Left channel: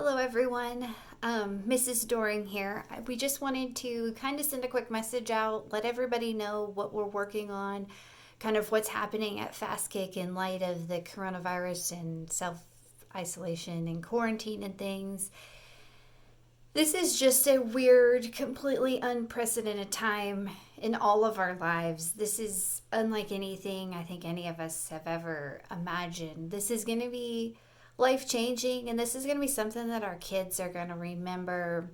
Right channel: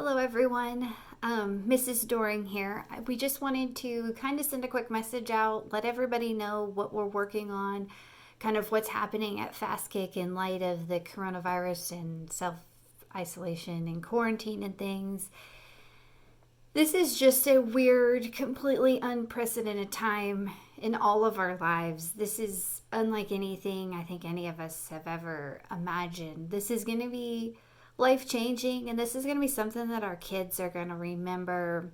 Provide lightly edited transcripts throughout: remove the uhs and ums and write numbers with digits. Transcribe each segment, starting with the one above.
Hello, everyone. Mrs. Doring here. We just wanted to kind of send a quick message out, let everybody know what we're working on, kind of what's happening at FastKick in light of the coronavirus and self isolation and quarantine and things. This is just a weird, completely unprecedented time in all of our lives. This is unlike anything I think any of us have ever imagined. This is going to be life changing, and this is going to be something that our kids are going to remember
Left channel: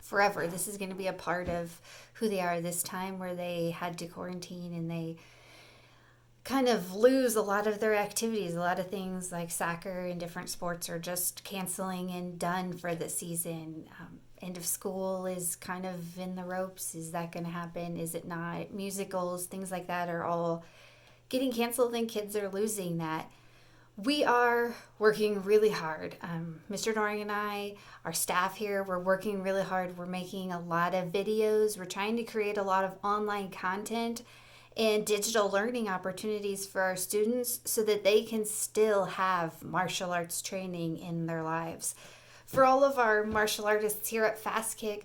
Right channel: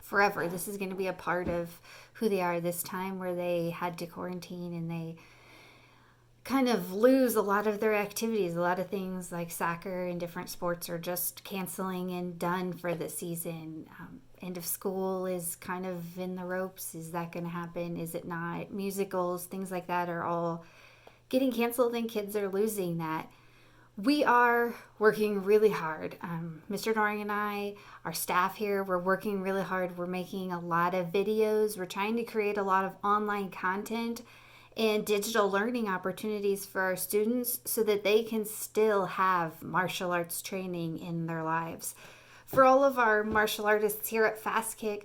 forever. This is going to be a part of who they are this time where they had to quarantine and they kind of lose a lot of their activities. A lot of things like soccer and different sports are just canceling and done for the season. End of school is kind of in the ropes. Is that going to happen? Is it not? Musicals, things like that are all getting canceled, and kids are losing that. We are working really hard. Mr. Doring and I, our staff here, we're working really hard. We're making a lot of videos. We're trying to create a lot of online content and digital learning opportunities for our students so that they can still have martial arts training in their lives. For all of our martial artists here at FastKick,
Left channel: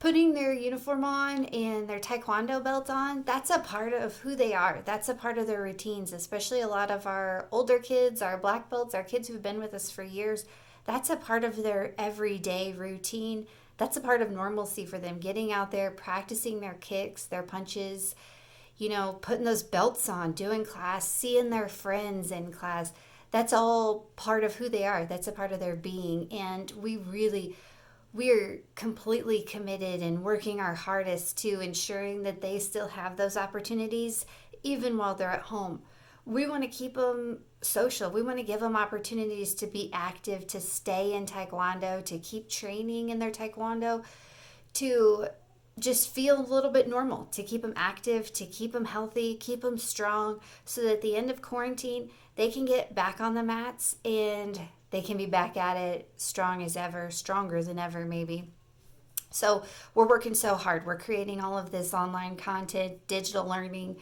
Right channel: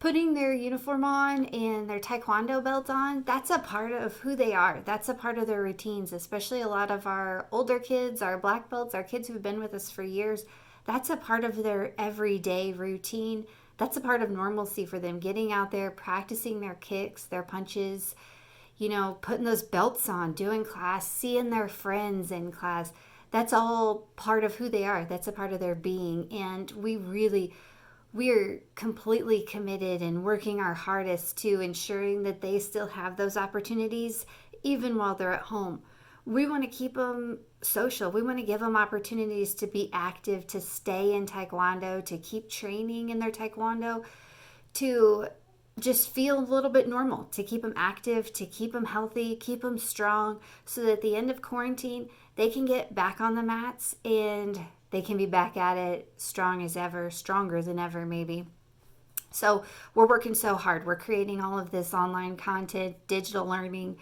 putting their uniform on and their taekwondo belt on, that's a part of who they are. That's a part of their routines, especially a lot of our older kids, our black belts, our kids who've been with us for years. That's a part of their everyday routine. That's a part of normalcy for them, getting out there, practicing their kicks, their punches, putting those belts on, doing class, seeing their friends in class. That's all part of who they are. That's a part of their being. And we're completely committed and working our hardest to ensuring that they still have those opportunities even while they're at home. We want to keep them social. We want to give them opportunities to be active, to stay in taekwondo, to keep training in their taekwondo, to just feel a little bit normal, to keep them active, to keep them healthy, keep them strong, so that at the end of quarantine, they can get back on the mats and they can be back at it strong as ever, stronger than ever maybe. So we're working so hard. We're creating all of this online content, digital learning,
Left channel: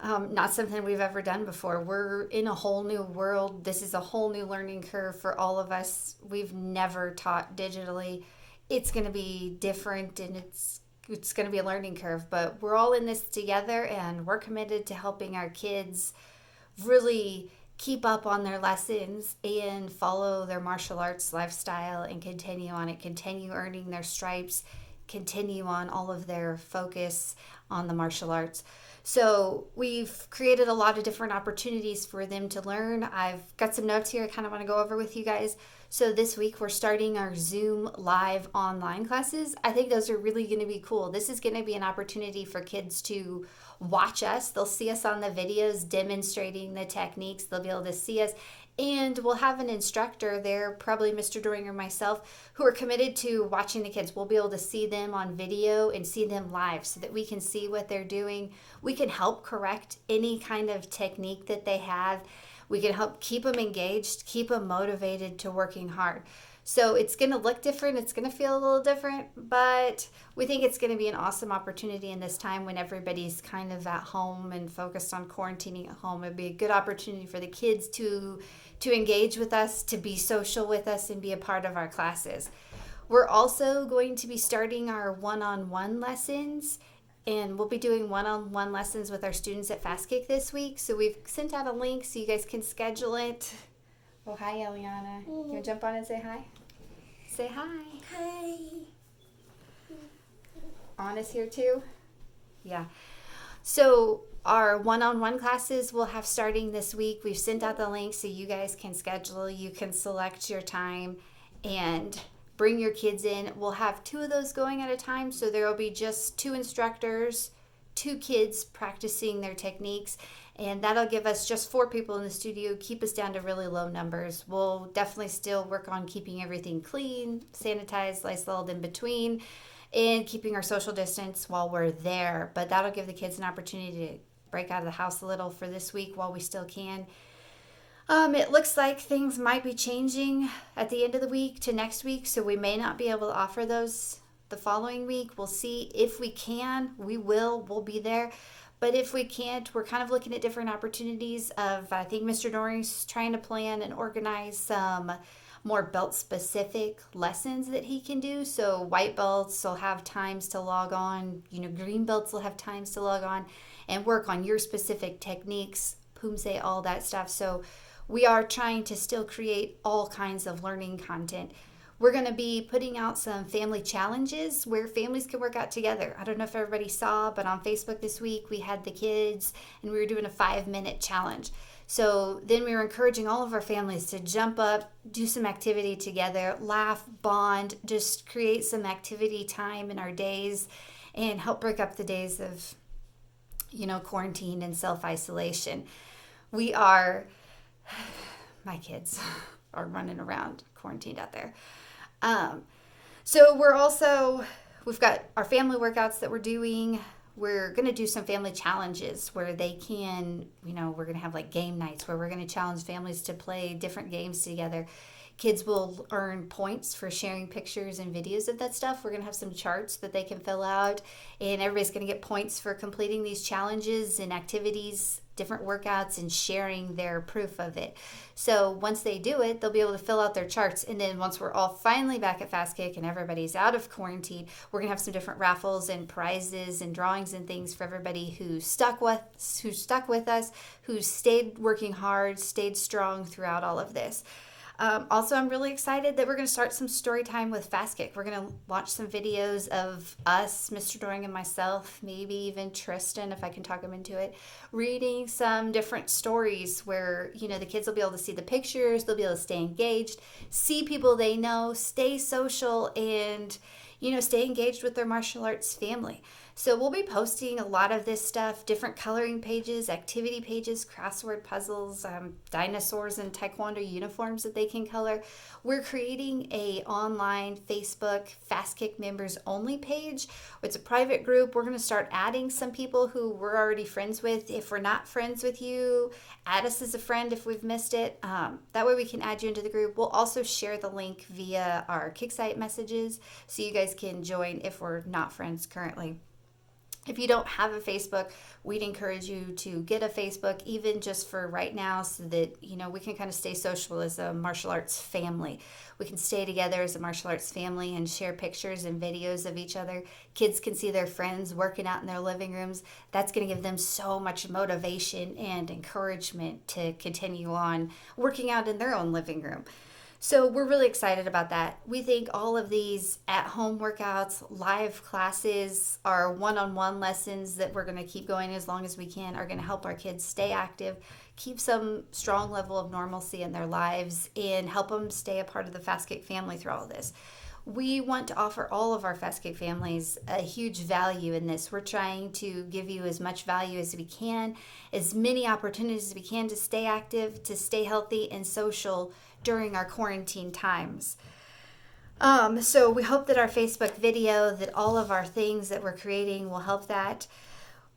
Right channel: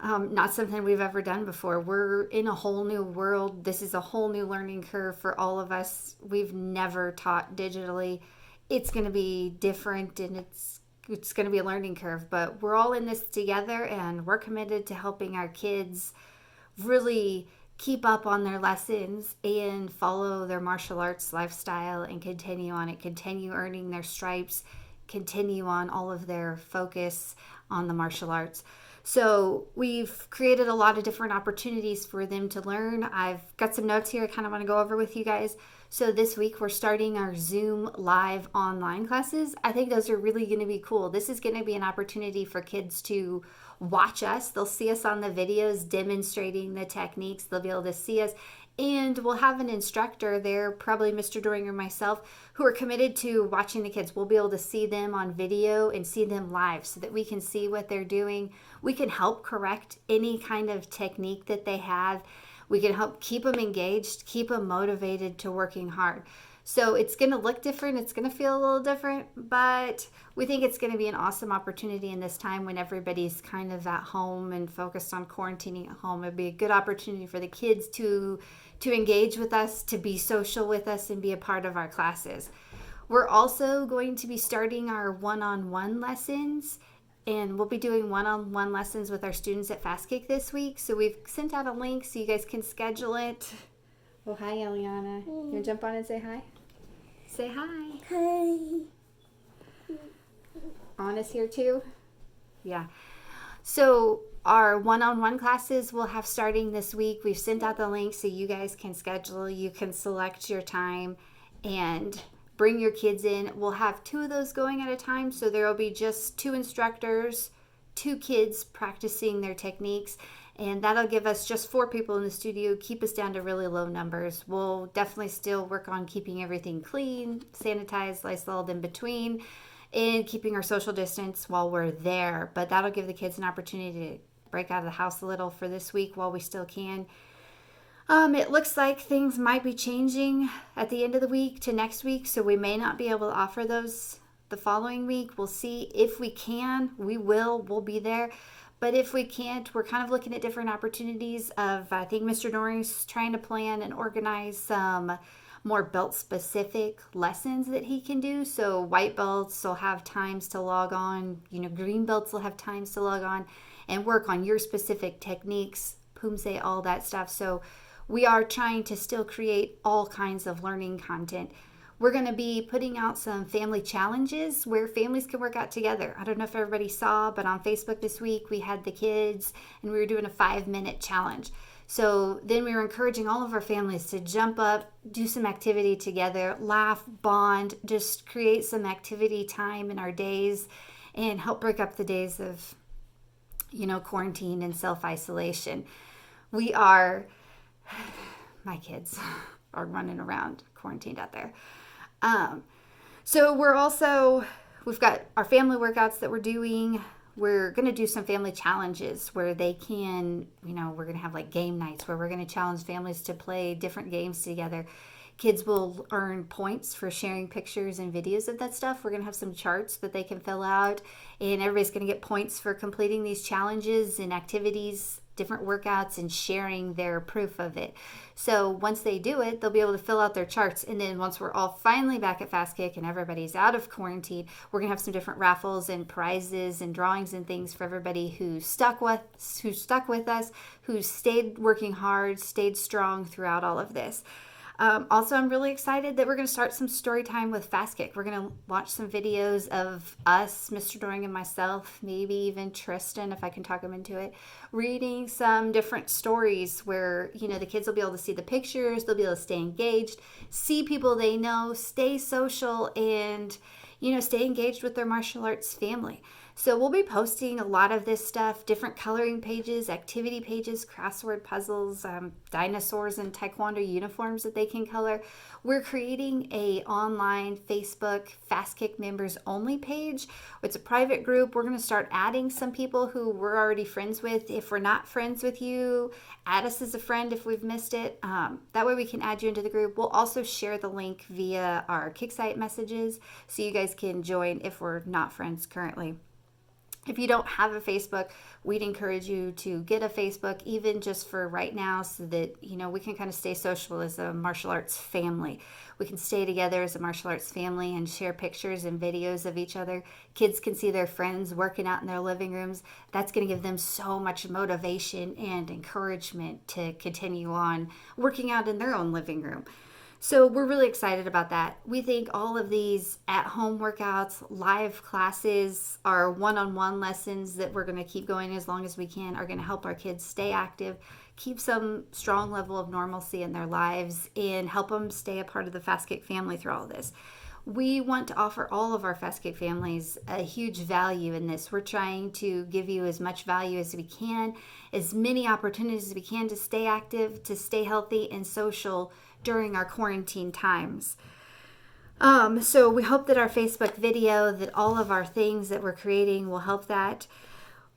not something we've ever done before. We're in a whole new world. This is a whole new learning curve for all of us. We've never taught digitally. It's going to be different, and it's going to be a learning curve, but we're all in this together, and we're committed to helping our kids really keep up on their lessons and follow their martial arts lifestyle and continue on it, continue earning their stripes, continue on all of their focus on the martial arts. So we've created a lot of different opportunities for them to learn. I've got some notes here I kind of want to go over with you guys. So this week we're starting our Zoom live online classes. I think those are really going to be cool. This is going to be an opportunity for kids to watch us. They'll see us on the videos demonstrating the techniques. They'll be able to see us, and we'll have an instructor there, probably Mr. Doring or myself, who are committed to watching the kids. We'll be able to see them on video and see them live so that we can see what they're doing. We can help correct any kind of technique that they have. We can help keep them engaged, keep them motivated to working hard. So it's going to look different. It's going to feel a little different, but we think it's going to be an awesome opportunity in this time when everybody's kind of at home and focused on quarantining at home. It'd be a good opportunity for the kids to engage with us, to be social with us, and be a part of our classes. We're also going to be starting our one-on-one lessons, and we'll be doing one-on-one lessons with our students at FastKick this week. So we've sent out a link so you guys can schedule it. Oh, hi, Eliana. You want to jump on and say hi? Say hi. Hi. Anna's here too? Yeah. So our one-on-one classes we'll have starting this week. We've sent out the link so you guys can schedule. You can select your time and bring your kids in. We'll have 2 of those going at a time. So there will be just 2 instructors, 2 kids practicing their techniques. And that'll give us just 4 people in the studio, keep us down to really low numbers. We'll definitely still work on keeping everything clean, sanitized, Lysoled in between, and keeping our social distance while we're there. But that'll give the kids an opportunity to break out of the house a little for this week while we still can. It looks like things might be changing at the end of the week to next week, so we may not be able to offer those the following week. We'll see. If we can, we'll be there. But if we can't, we're kind of looking at different opportunities of, I think Mr. Doring's trying to plan and organize some more belt specific lessons that he can do. So white belts will have times to log on, green belts will have times to log on and work on your specific techniques, pumse, all that stuff. So we are trying to still create all kinds of learning content. We're going to be putting out some family challenges where families can work out together. I don't know if everybody saw, but on Facebook this week we had the kids and we were doing a 5-minute challenge. So then we were encouraging all of our families to jump up, do some activity together, laugh, bond, just create some activity time in our days and help break up the days of, quarantine and self-isolation. My kids are running around quarantined out there. So we've got our family workouts that we're doing. We're going to do some family challenges where they can, we're going to have like game nights where we're going to challenge families to play different games together. Kids will earn points for sharing pictures and videos of that stuff. We're going to have some charts that they can fill out, and everybody's going to get points for completing these challenges and activities, different workouts, and sharing their proof of it. So once they do it, they'll be able to fill out their charts. And then once we're all finally back at FastKick and everybody's out of quarantine, we're going to have some different raffles and prizes and drawings and things for everybody who stuck with us, who stayed working hard, stayed strong throughout all of this. Also, I'm really excited that we're going to start some story time with FastKick. We're going to watch some videos of us, Mr. Doring and myself, maybe even Tristan, if I can talk him into it, reading some different stories where, the kids will be able to see the pictures, they'll be able to stay engaged, see people they know, stay social, and, stay engaged with their martial arts family. So we'll be posting a lot of this stuff, different coloring pages, activity pages, crossword puzzles, dinosaurs and taekwondo uniforms that they can color. We're creating a online Facebook FastKick members only page. It's a private group. We're going to start adding some people who we're already friends with. If we're not friends with you, add us as a friend if we've missed it. That way we can add you into the group. We'll also share the link via our Kicksite messages so you guys can join if we're not friends currently. If you don't have a Facebook, we'd encourage you to get a Facebook, even just for right now, so that, we can kind of stay social as a martial arts family. We can stay together as a martial arts family and share pictures and videos of each other. Kids can see their friends working out in their living rooms. That's going to give them so much motivation and encouragement to continue on working out in their own living room. So we're really excited about that. We think all of these at-home workouts, live classes, our one-on-one lessons that we're going to keep going as long as we can are going to help our kids stay active, keep some strong level of normalcy in their lives, and help them stay a part of the FastKick family through all of this. We want to offer all of our FastKick families a huge value in this. We're trying to give you as much value as we can, as many opportunities as we can to stay active, to stay healthy and social during our quarantine times. So we hope that our Facebook video, that all of our things that we're creating will help that.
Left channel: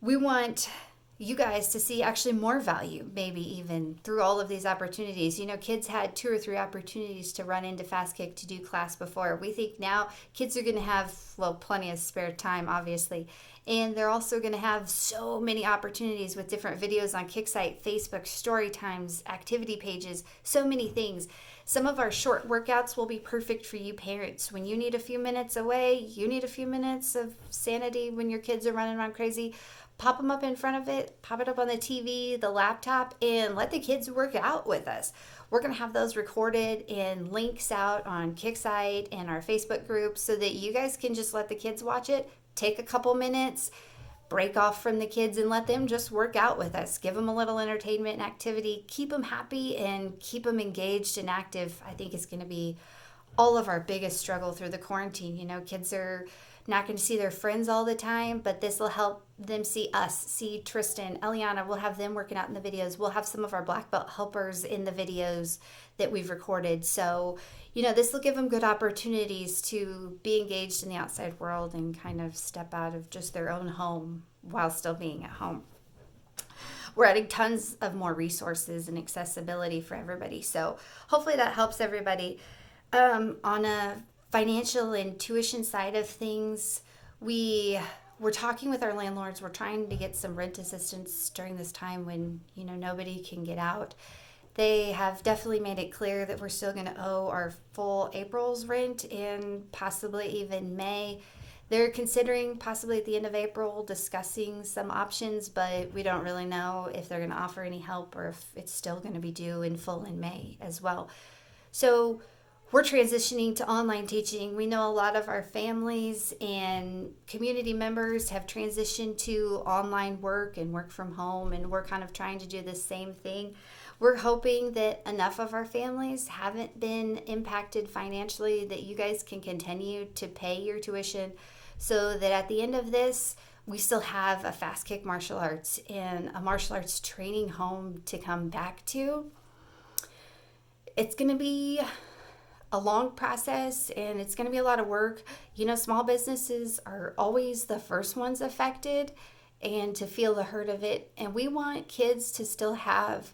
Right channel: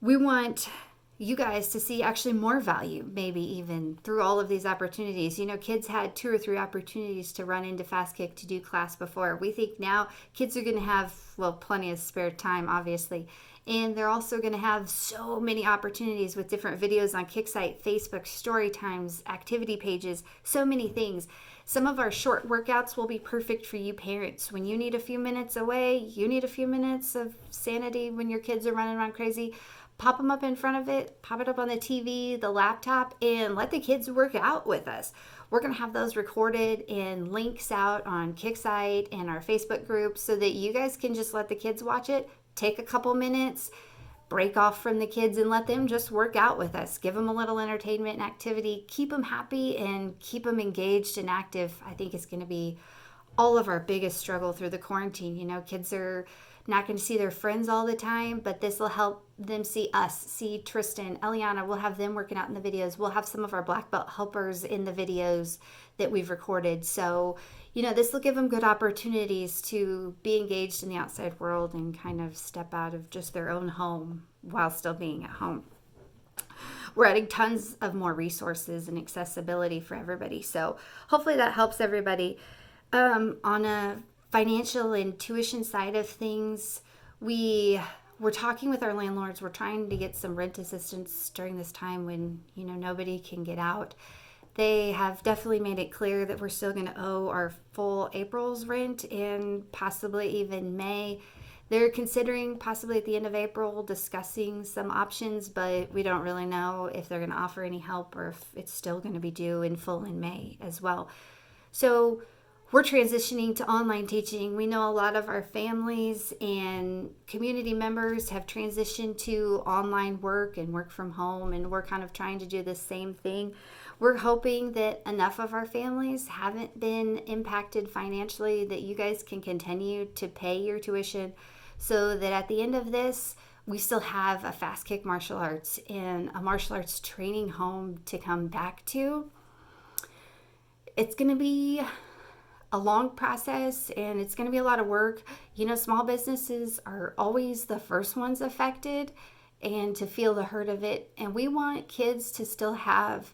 We want you guys to see actually more value, maybe even through all of these opportunities. Kids had 2 or 3 opportunities to run into FastKick to do class before. We think now kids are going to have, plenty of spare time, obviously. And they're also going to have so many opportunities with different videos on Kicksite, Facebook, story times, activity pages, so many things. Some of our short workouts will be perfect for you parents. When you need a few minutes away, you need a few minutes of sanity when your kids are running around crazy, pop them up in front of it, pop it up on the TV, the laptop, and let the kids work out with us. We're going to have those recorded and links out on Kicksite and our Facebook group so that you guys can just let the kids watch it. Take a couple minutes, break off from the kids, and let them just work out with us. Give them a little entertainment and activity. Keep them happy and keep them engaged and active. I think it's going to be all of our biggest struggle through the quarantine. Kids are not going to see their friends all the time, but this will help them see us, see Tristan, Eliana. We'll have them working out in the videos. We'll have some of our black belt helpers in the videos that we've recorded. So this will give them good opportunities to be engaged in the outside world and kind of step out of just their own home while still being at home. We're adding tons of more resources and accessibility for everybody. So hopefully that helps everybody. On a financial and tuition side of things, we're talking with our landlords. We're trying to get some rent assistance during this time when, nobody can get out. They have definitely made it clear that we're still going to owe our full April's rent and possibly even May. They're considering possibly at the end of April discussing some options, but we don't really know if they're going to offer any help or if it's still going to be due in full in May as well. So we're transitioning to online teaching. We know a lot of our families and community members have transitioned to online work and work from home, and we're kind of trying to do the same thing. We're hoping that enough of our families haven't been impacted financially that you guys can continue to pay your tuition so that at the end of this, we still have a Fast Kick Martial Arts and a martial arts training home to come back to. It's going to be a long process and it's going to be a lot of work. You know, small businesses are always the first ones affected and to feel the hurt of it. And we want kids to still have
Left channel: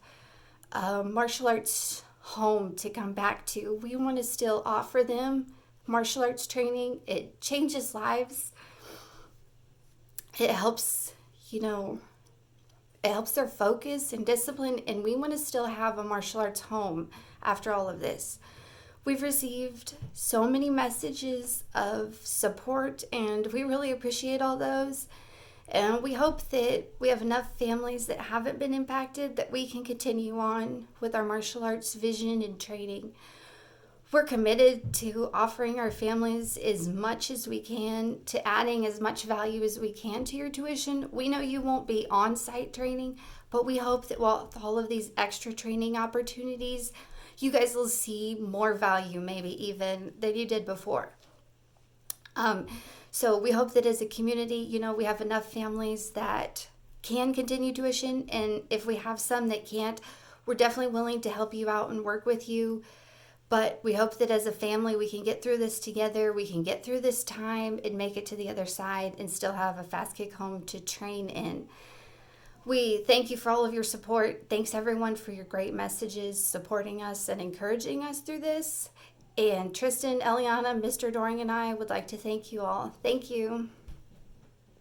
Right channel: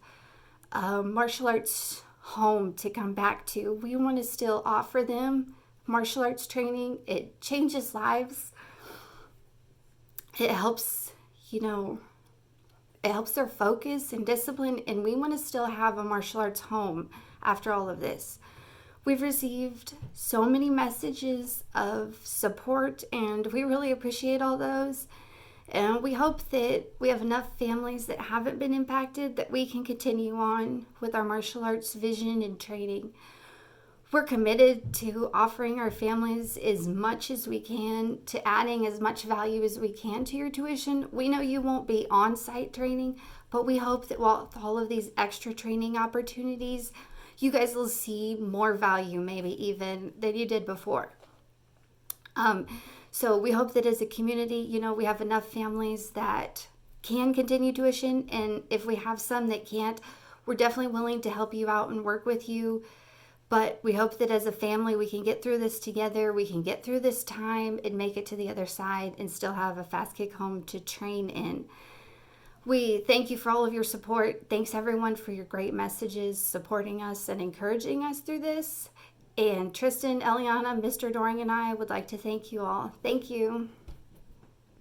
a martial arts home to come back to. We want to still offer them martial arts training. It changes lives. It helps, it helps their focus and discipline, and we want to still have a martial arts home after all of this. We've received so many messages of support, and we really appreciate all those. And we hope that we have enough families that haven't been impacted that we can continue on with our martial arts vision and training. We're committed to offering our families as much as we can, to adding as much value as we can to your tuition. We know you won't be on-site training, but we hope that with all of these extra training opportunities, you guys will see more value maybe even than you did before. So we hope that as a community, we have enough families that can continue tuition. And if we have some that can't, we're definitely willing to help you out and work with you. But we hope that as a family, we can get through this together. We can get through this time and make it to the other side and still have a Fast Kick home to train in. We thank you for all of your support. Thanks everyone for your great messages, supporting us and encouraging us through this. And Tristan, Eliana, Mr. Doring, and I would like to thank you all. Thank you.